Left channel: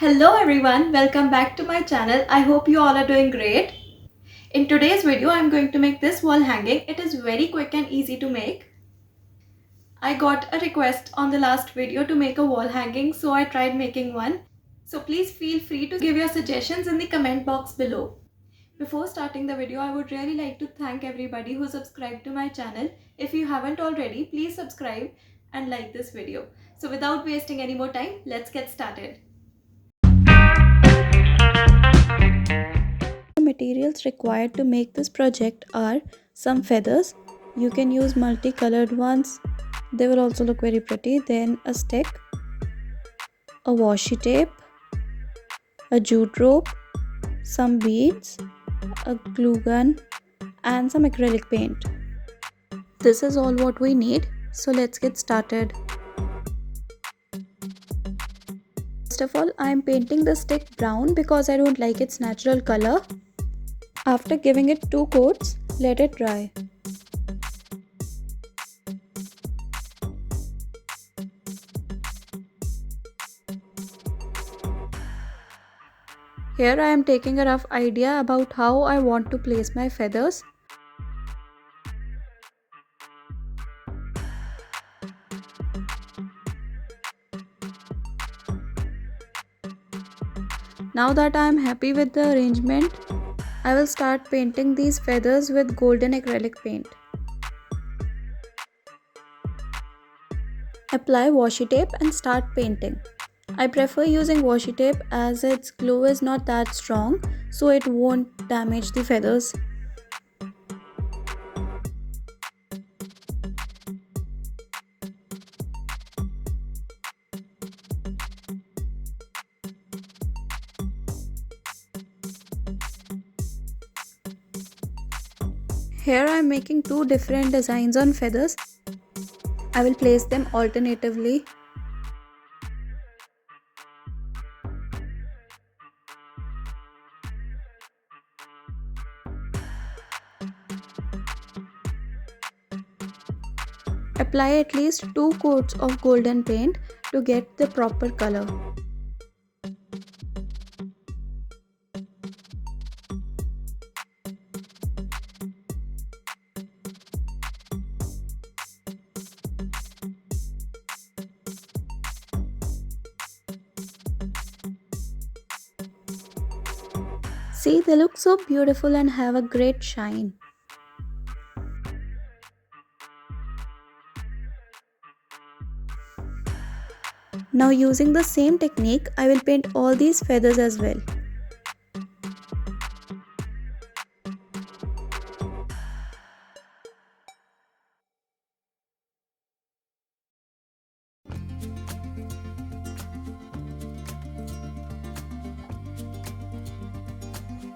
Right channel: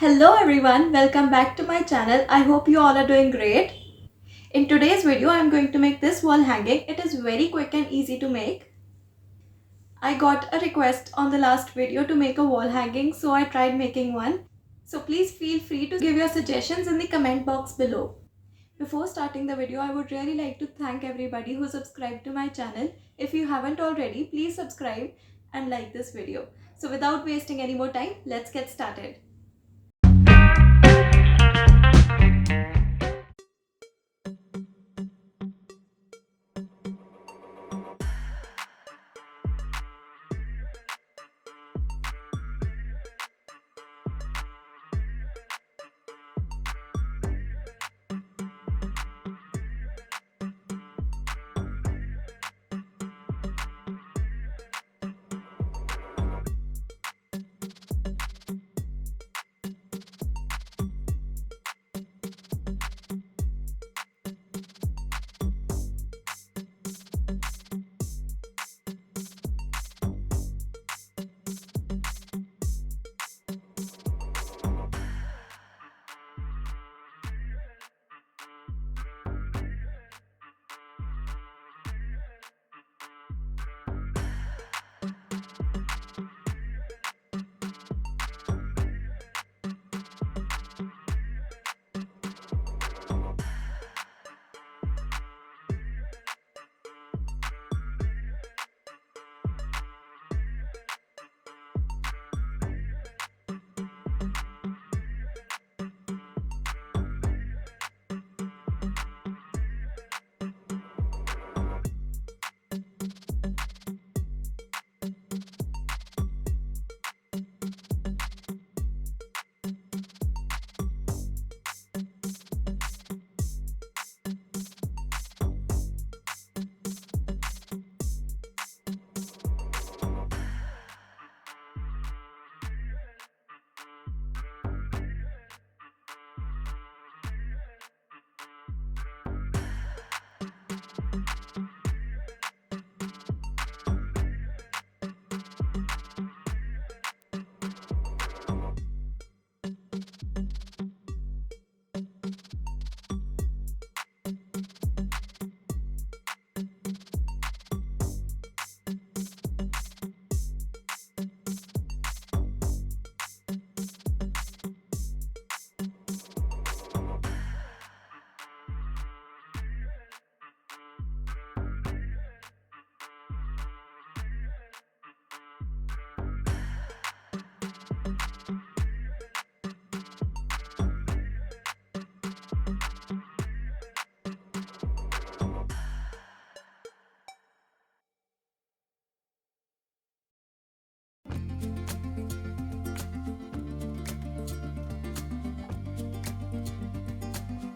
Hello everyone, welcome back to my channel. I hope you all are doing great. In today's video, I'm going to make this wall hanging. It is very quick and easy to make. I got a request on the last video to make a wall hanging, so I tried making one. So please feel free to give your suggestions in the comment box below. Before starting the video, I would really like to thank everybody who subscribed to my channel. If you haven't already, please subscribe and like this video. So without wasting any more time, let's get started. The materials required to make this project are some feathers. You can use multicolored ones. They will also look very pretty. Then a stick, a washi tape, a jute rope, some beads, a glue gun, and some acrylic paint. This is all what we need. So let's get started. First of all, I am painting the stick brown because I don't like its natural color. After giving it 2 coats, let it dry. Here I am taking a rough idea about how I want to place my feathers. Now that I am happy with the arrangement, I will start painting these feathers with golden acrylic paint. Apply washi tape and start painting. I prefer using washi tape as its glue is not that strong, so it won't damage the feathers. Here I am making 2 different designs on feathers. I will place them alternatively. Apply at least 2 coats of golden paint to get the proper color. See, they look so beautiful and have a great shine. Now using the same technique, I will paint all these feathers as well.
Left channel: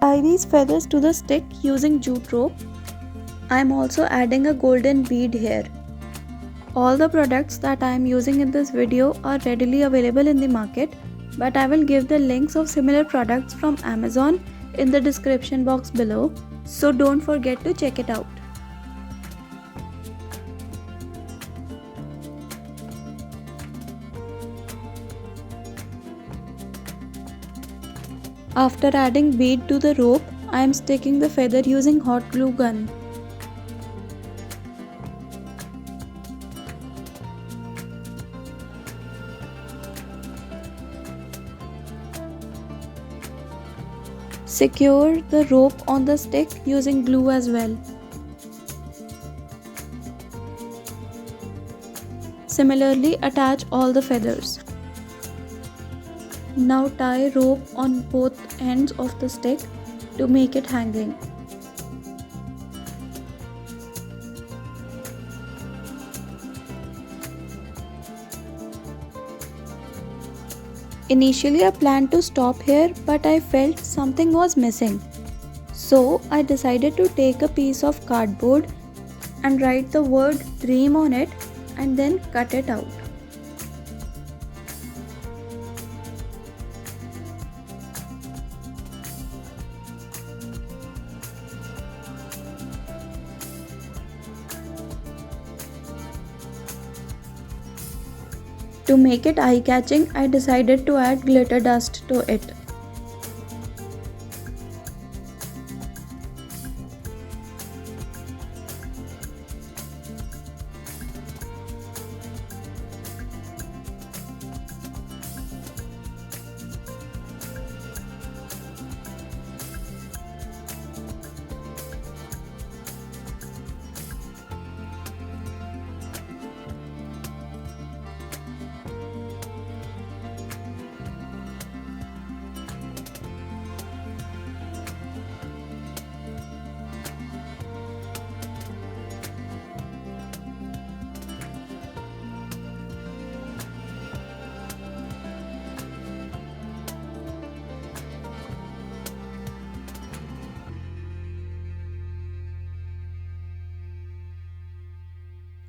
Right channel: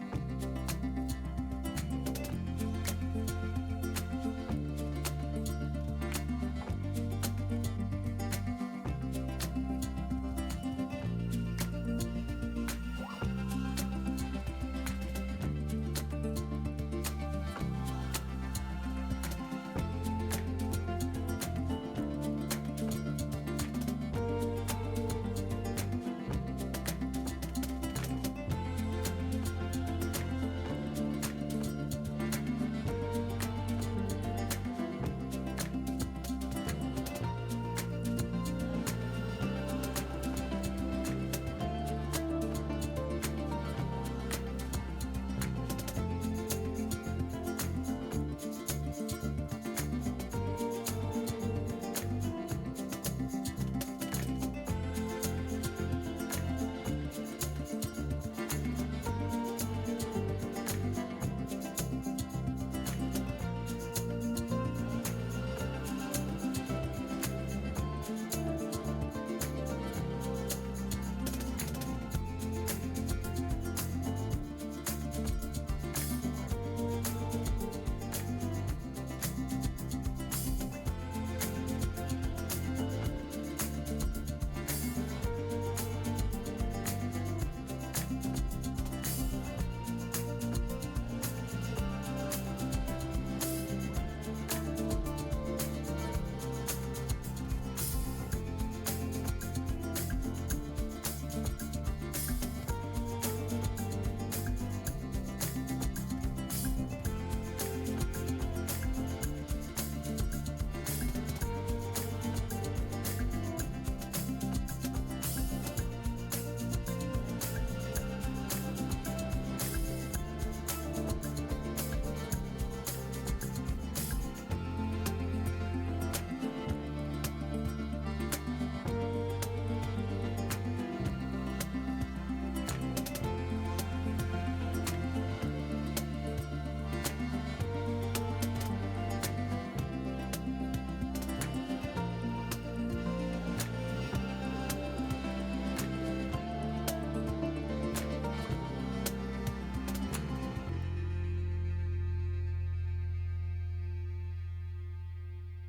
Tie these feathers to the stick using jute rope. I am also adding a golden bead here. All the products that I am using in this video are readily available in the market, but I will give the links of similar products from Amazon in the description box below, so don't forget to check it out. After adding bead to the rope, I am sticking the feather using hot glue gun. Secure the rope on the stick using glue as well. Similarly, attach all the feathers. Now tie rope on both ends of the stick to make it hanging. Initially I planned to stop here, but I felt something was missing. So I decided to take a piece of cardboard and write the word dream on it and then cut it out. To make it eye-catching, I decided to add glitter dust to it.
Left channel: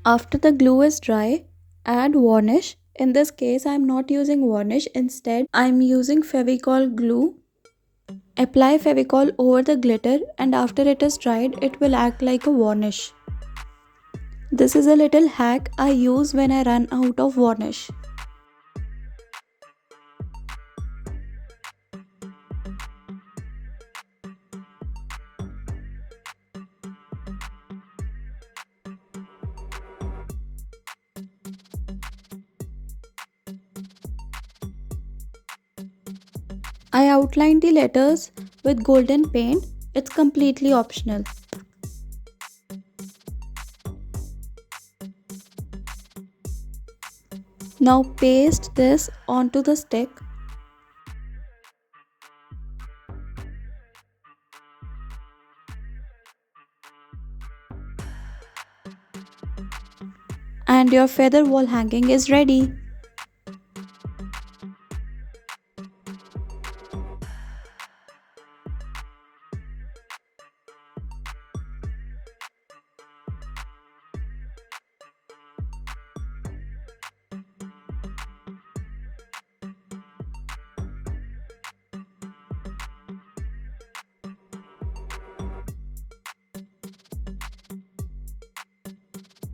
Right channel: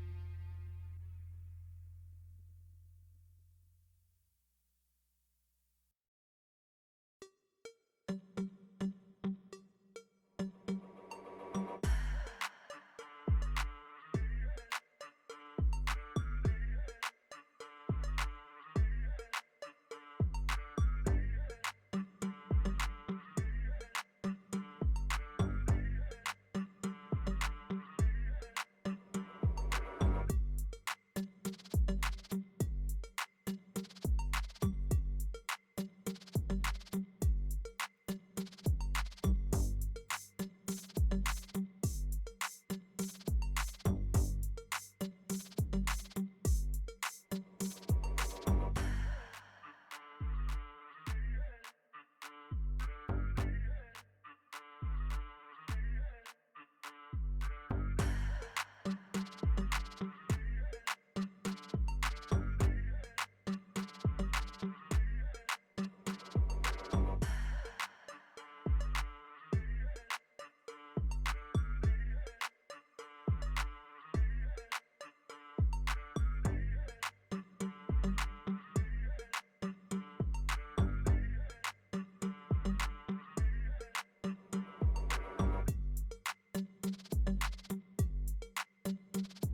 After the glue is dry, add varnish. In this case, I am not using varnish. Instead, I am using Fevicol glue. Apply Fevicol over the glitter, and after it is dried, it will act like a varnish. This is a little hack I use when I run out of varnish. I outlined the letters with golden paint. It's completely optional. Now paste this onto the stick. And your feather wall hanging is ready.